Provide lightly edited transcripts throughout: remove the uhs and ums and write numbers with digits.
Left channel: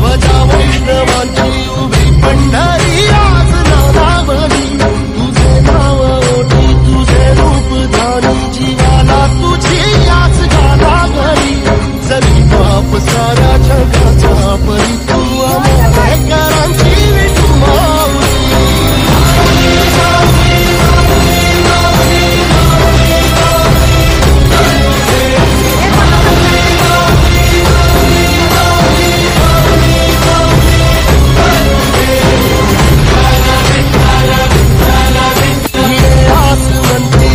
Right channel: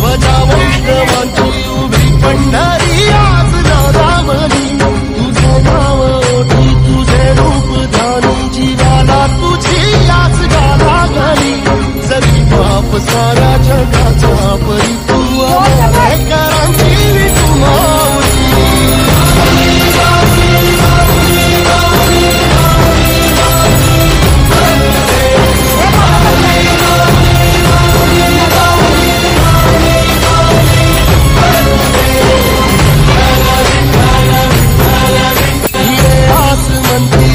ध्वजा वैष्णवांची उभी पंढरी आज नादावली तुझे नाव ओठी तुझे रूप ध्यानी जीवाला तुझी याच गाला घरी जरी बाप साऱ्या जगाचा परी तू करांची विठू माऊली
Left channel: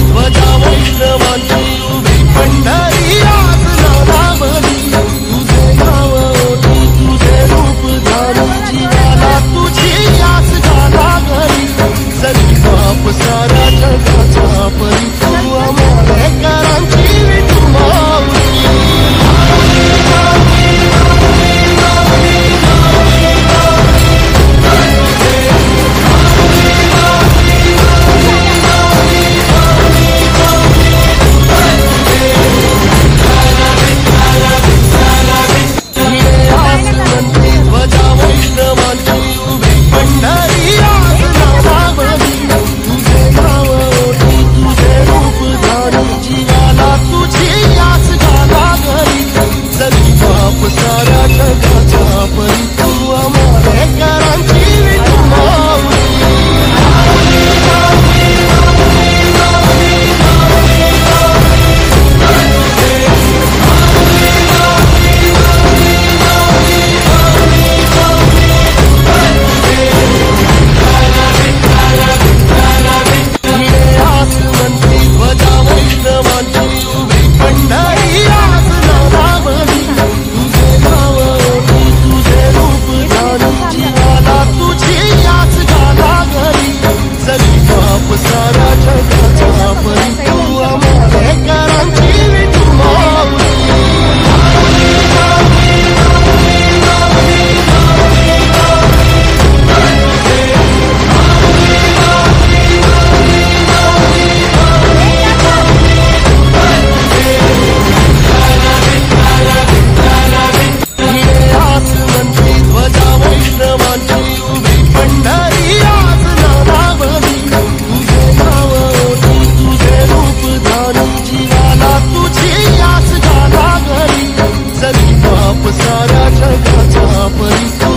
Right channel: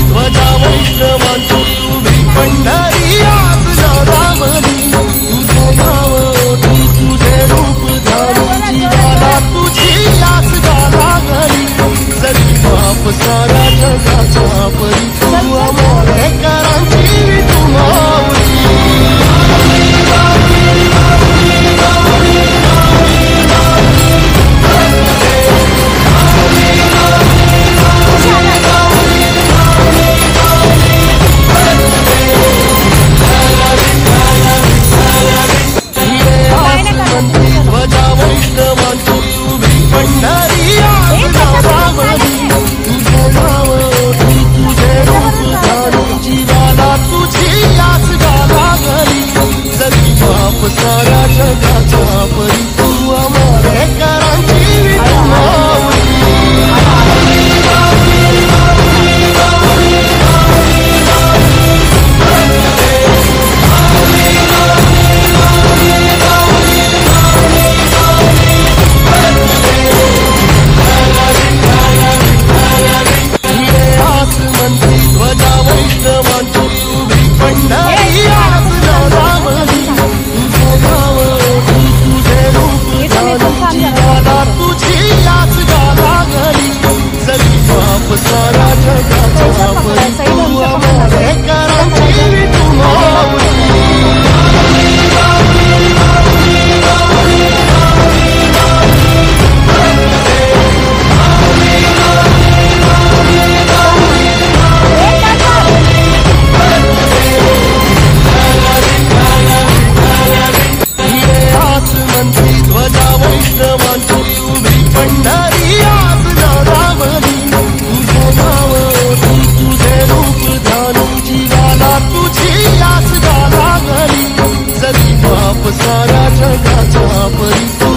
ध्वजा वैष्णवांची उभी पंढरी आज नादावली तुझे नाव ओठी तुझे रूप ध्यानी जीवाला तुझी याच गाला घरी जरी बाप साऱ्या जगाच्या परी तू करांची विठू माऊली ध्वजा वैष्णवांची उभी पंढरी आज नादावली तुझे नाव ओठी तुझे रूप ध्यानी जीवाला तुझी याच गाला घरी जरी बाप साऱ्या जगाच्या परी तू करांची विठू माऊली ध्वजा वैष्णवांची उभी पंढरी आज नादावली तुझे नाव ओठी तुझे रूप ध्यानी जीवाला तुझी याच गाला घरी जरी बाप साऱ्या जगाच्या परी तू करांची विठू माऊली ध्वजा वैष्णवांची उभी पंढरी आज नादावली तुझे नाव ओठी तुझे रूप ध्यानी जीवाला तुझी याच गाला घरी जरी बाप साऱ्या जगाच्या परी तू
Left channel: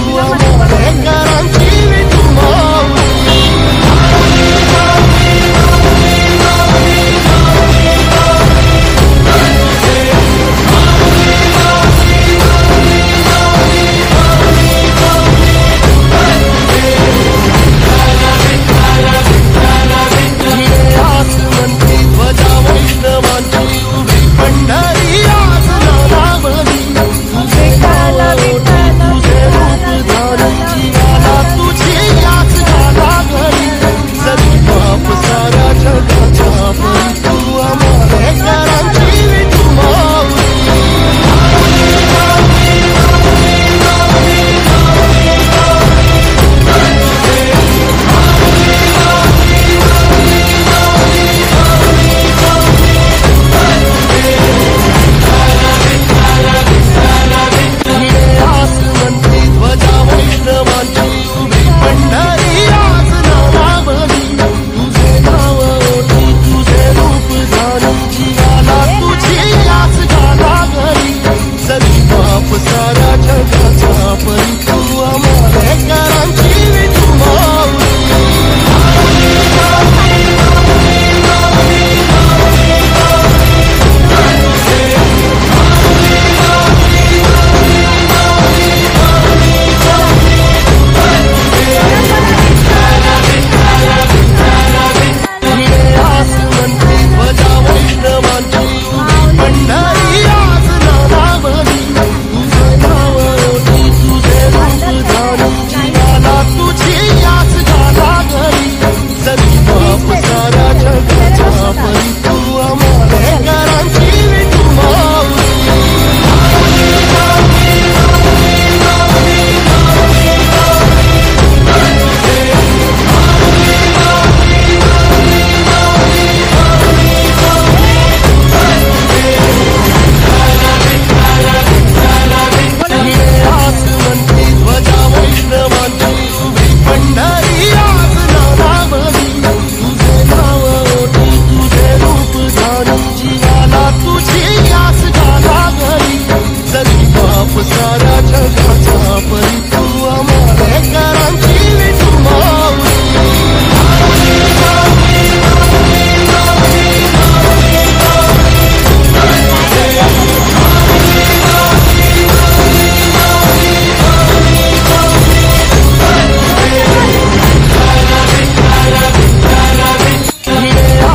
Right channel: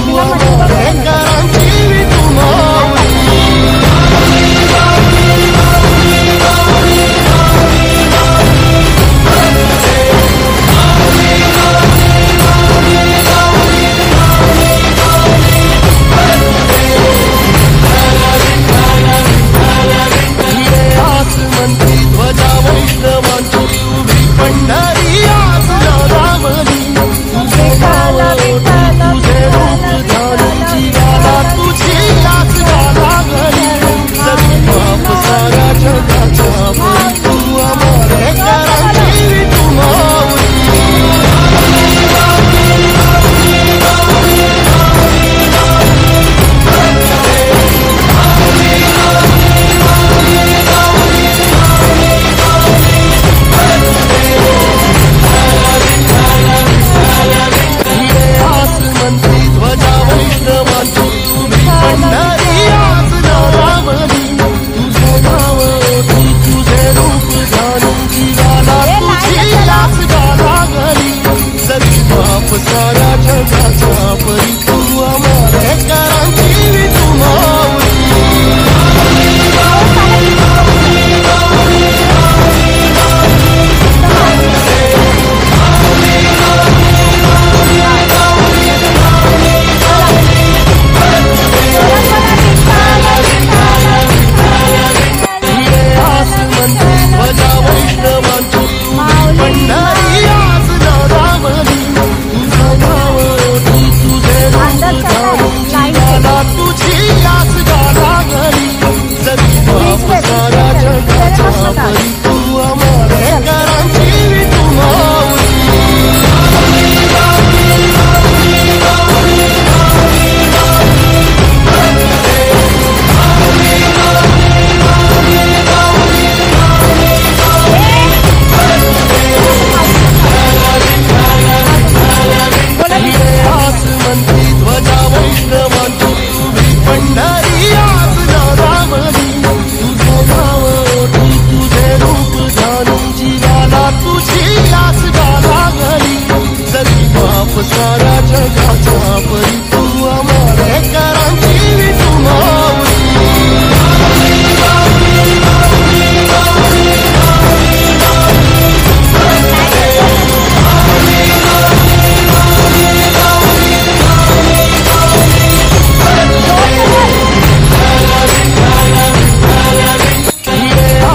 करांची विठू माऊली ध्वजा वैष्णवांची उभी पंढरी आज नादावली तुझे नाव ओठी तुझे रूप ध्यानी जीवाला तुझी याच गाला घरी जरी बाप साऱ्या जगाच्या परी तू करांची विठू माऊली ध्वजा वैष्णवांची उभी पंढरी आज नादावली तुझे नाव ओठी तुझे रूप ध्यानी जीवाला तुझी याच गाला घरी जरी बाप साऱ्या जगाच्या परी तू करांची विठू माऊली ध्वजा वैष्णवांची उभी पंढरी आज नादावली तुझे नाव ओठी तुझे रूप ध्यानी जीवाला तुझी बाप साऱ्या जगाचा परी तू आमालेकरांची विठू माऊली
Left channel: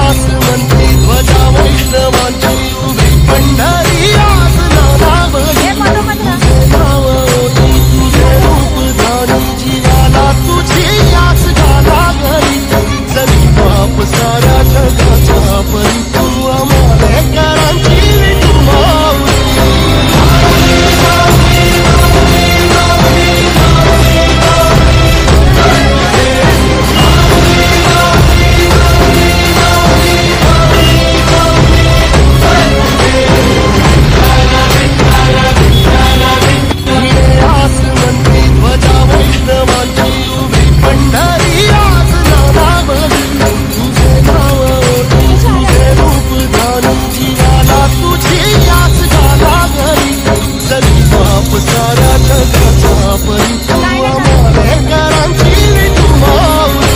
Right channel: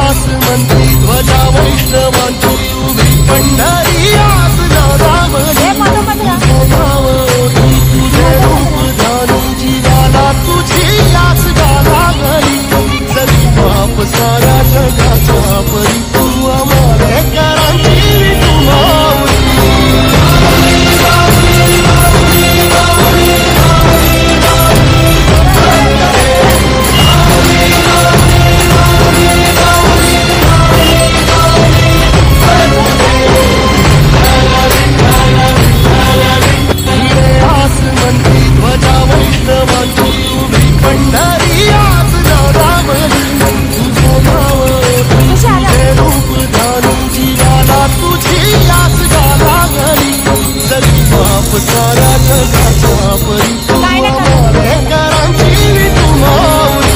ध्वजा वैष्णवांची उभी पंढरी आज नादावली तुझे नाव ओटी तुझे रूप धारून जीवाला तुझी आस गाला गली जरी बाप साऱ्या जगाचा परी तू आमालेकरांची विठू माऊली ध्वजा वैष्णवांची उभी पंढरी आज नादावली तुझे नाव ओटी तुझे रूप धारून जीवाला तुझी आस गाला गली जरी बाप साऱ्या जगाचा परी तू आमालेकरांची विठू माऊली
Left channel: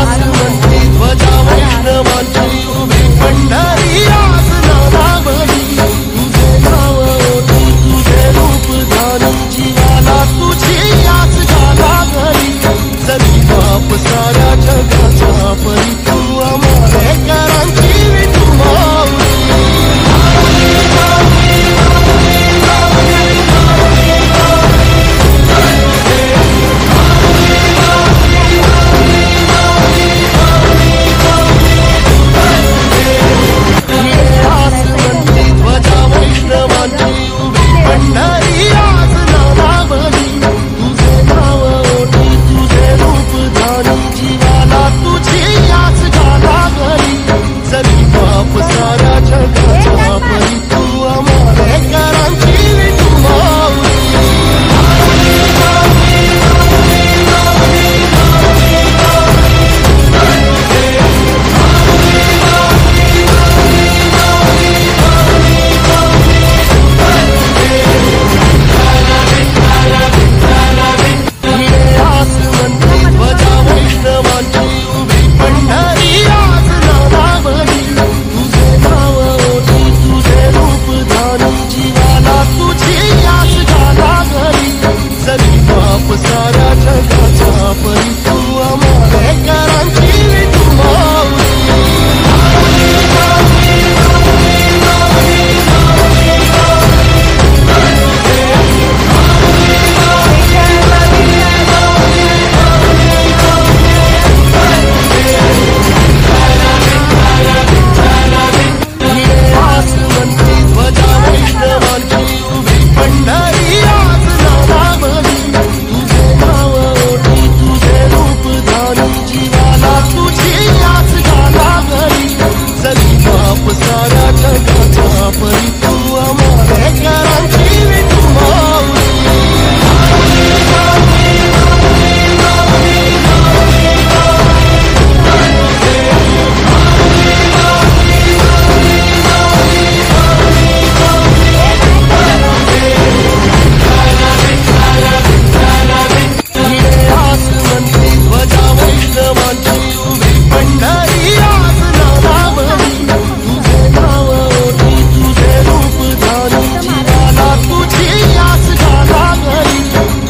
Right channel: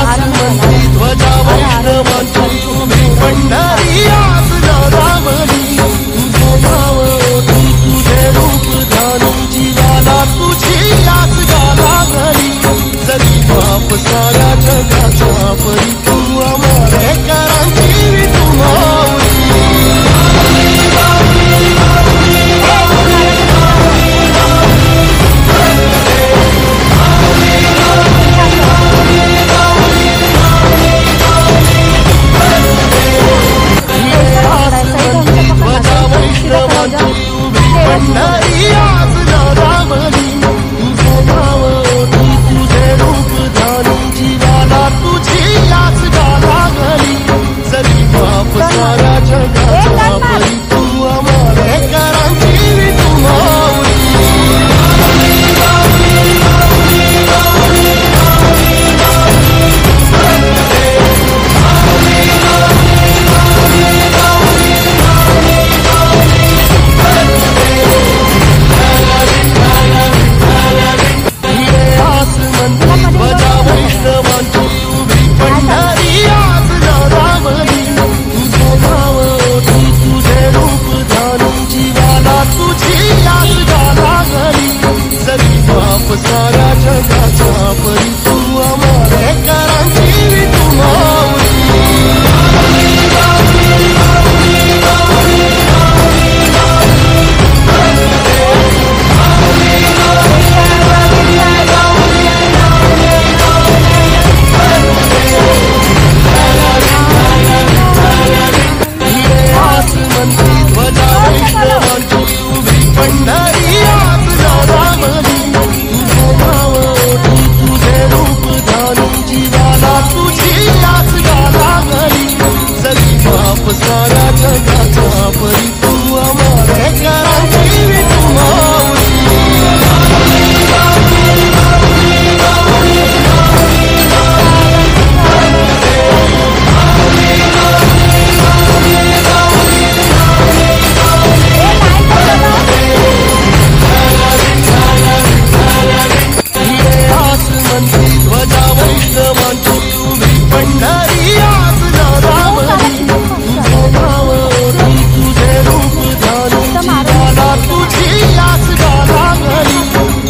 ध्वजा वैष्णवांची उभी पंढरी आज नादावली तुझे नाव ओटी तुझे रूप धारून जीवाला तुझी आस गाला गली जरी बाप साऱ्या जगाचा परी तू आमालेकरांची विठू माऊली ध्वजा वैष्णवांची उभी पंढरी आज नादावली तुझे नाव ओटी तुझे रूप धारून जीवाला तुझी आस गाला गली जरी बाप साऱ्या जगाचा परी तू आमालेकरांची विठू माऊली ध्वजा वैष्णवांची उभी पंढरी आज नादावली तुझे नाव ओटी तुझे रूप धारून जीवाला तुझी आस गाला गली जरी बाप साऱ्या जगाचा परी तू आमालेकरांची विठू माऊली ध्वजा वैष्णवांची उभी पंढरी आज नादावली तुझे नाव ओटी तुझे रूप धारून जीवाला तुझी आस गाला गली जरी बाप साऱ्या जगाचा परी तू आमालेकरांची विठू माऊली ध्वजा वैष्णवांची उभी पंढरी आज नादावली तुझे नाव ओटी तुझे रूप धारून जीवाला तुझी आस गाला गली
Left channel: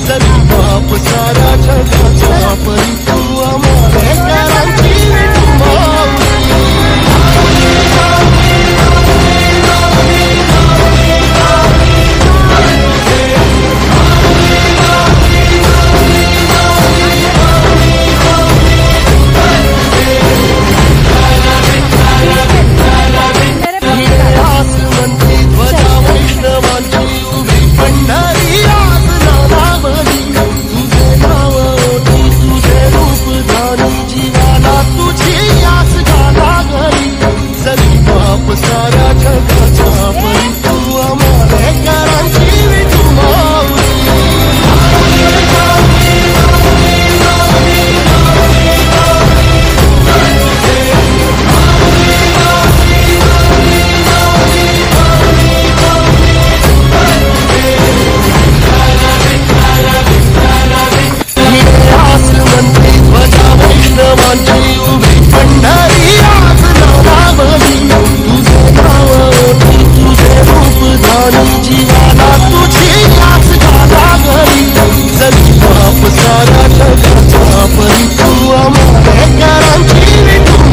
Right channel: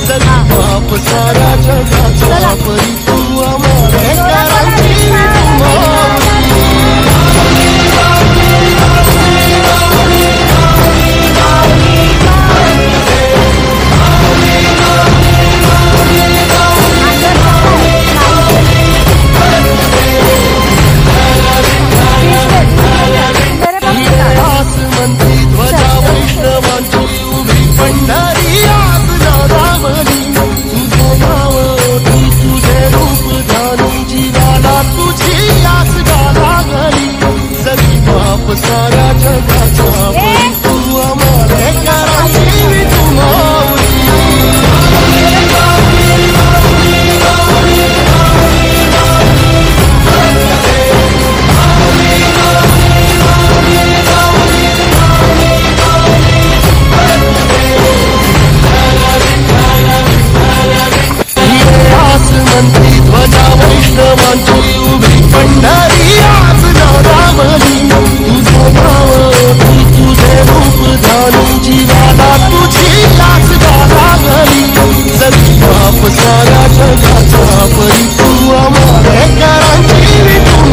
जरी बाप साऱ्या जगाचा परी तू आमालेकरांची विठू माऊली ध्वजा वैष्णवांची उभी पंढरी आज नादावली तुझे नाव ओटी तुझे रूप धारून जीवाला तुझी आस गाला गली जरी बाप साऱ्या जगाचा परी तू आमालेकरांची विठू माऊली वैष्णवांची उभी पंढरी आज नावावली तुझे नाव ओठी तुझे रूप ध्यानी जीवाला तुझी आस लागली जगी बाप साऱ्या जगाचा परी तू आम्हा घरांची विठू